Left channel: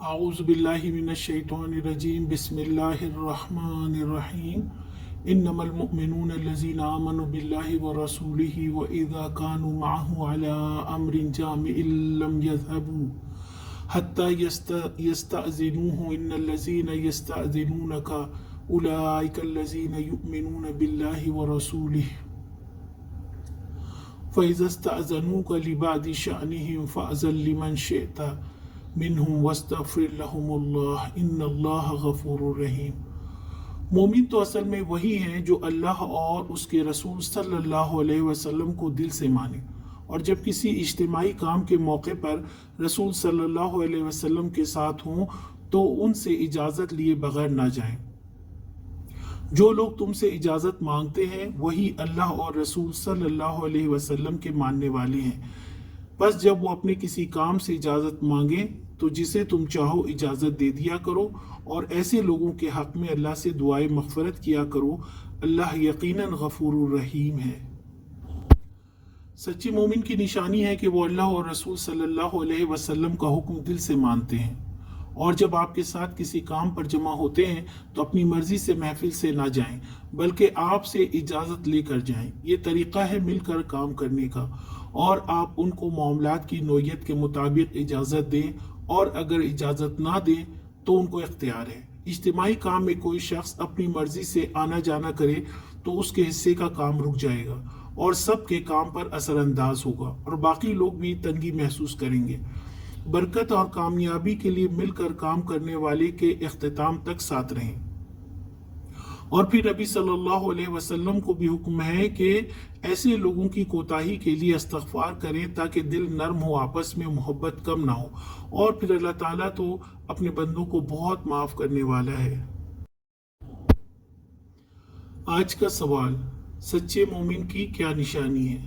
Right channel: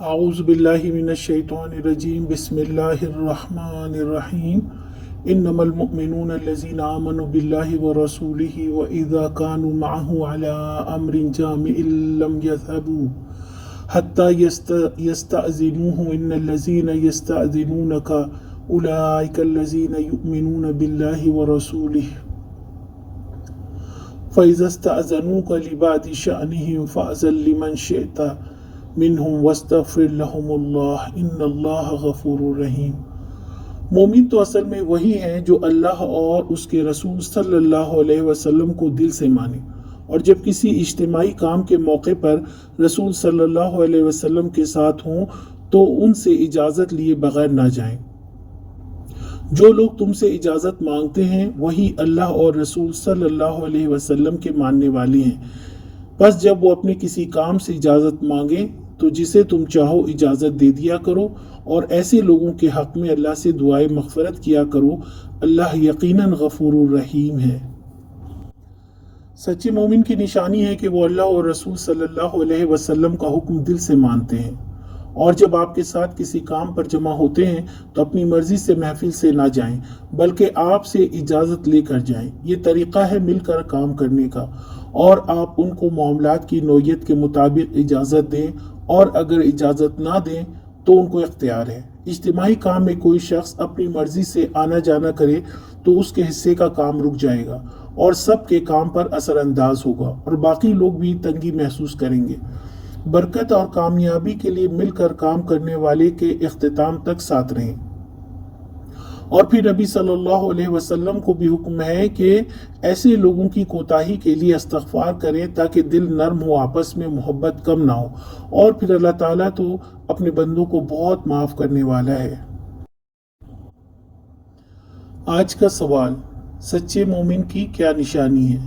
اعوذ باللہ من الشیطان الرجیم بسم اللہ الرحمن الرحیم انما المؤمنون الذین آمنوا باللہ ورسولہ واذا كانوا معه على امر جامع لم يذهبوا حتى يستأذنوه ان الذين يستأذنونك اولئك الذين يؤمنون بالله ورسوله فإذا استأذنوك لبعض شأنهم فأذن لمن شئت منهم واستغفر لهم اللہ ان اللہ غفور رحیم۔ مومن تو اصل میں وہی ہیں جو اللہ اور اس کے رسول صلی اللہ علیہ وسلم کو دل سے مانے، اور جب کسی اجتماعی کام کے موقع پر رسول صلی اللہ علیہ وسلم کے ساتھ ہوں تو ان سے اجازت لیے بغیر نہ جائیں۔ جو لوگ تم سے اجازت مانگتے ہیں وہی اللہ اور رسول صلی اللہ علیہ وسلم کے ماننے والے ہیں، بس جب وہ اپنے کسی کام سے اجازت مانگیں تو جسے تم چاہو اجازت دے دیا کرو، اور ایسے لوگوں کے حق میں اللہ سے دعائے مغفرت کیا کرو، اللہ یقیناً غفور الرحیم ہے۔ سچے مومن کی نشانی ہے کہ وہ اللہ اور رسول صلی اللہ علیہ وسلم کا حکم دل سے مانتے ہیں، اور جب آپ کے ساتھ کسی کام پر جمع ہوتے ہیں تو اپنی مرضی سے محفل سے نہ جائیں بلکہ آپ سے اجازت لے کر جائیں۔ یہ طریقہ ہے مل کر کام کرنے کا، اور آپ ان کو معاملات کی نوعیت کے مطابق اجازت دیں، اور اگر اجازت نہ دیں تو ان کو اختیار ہے۔ اجتماعی کام میں کوئی شخص اپنی مرضی سے آنا جانا کرے تو اس کے حصے کا کام رک جائے گا اور سب کے کام پر اثر انداز ہوگا، اور باقی لوگ بھی تنگی محسوس کریں گے۔ برکت اور کامیابی کے لیے مل کر کام کرنے والے کے اختتام تک ساتھ رہیں۔ اور پھر نبی صلی اللہ علیہ وسلم کو بھی حکم ہے کہ ایسے لوگوں کی کوتاہی کے لیے استغفار کریں تاکہ دل نرم ہو، آپس میں محبت کم نہ ہو، اور پھر اللہ تعالیٰ تو اپنے بندوں کو بہت معاف کرنے والا ہے۔ آج کا سوال: سچے مومن کی کیا نشانی ہے؟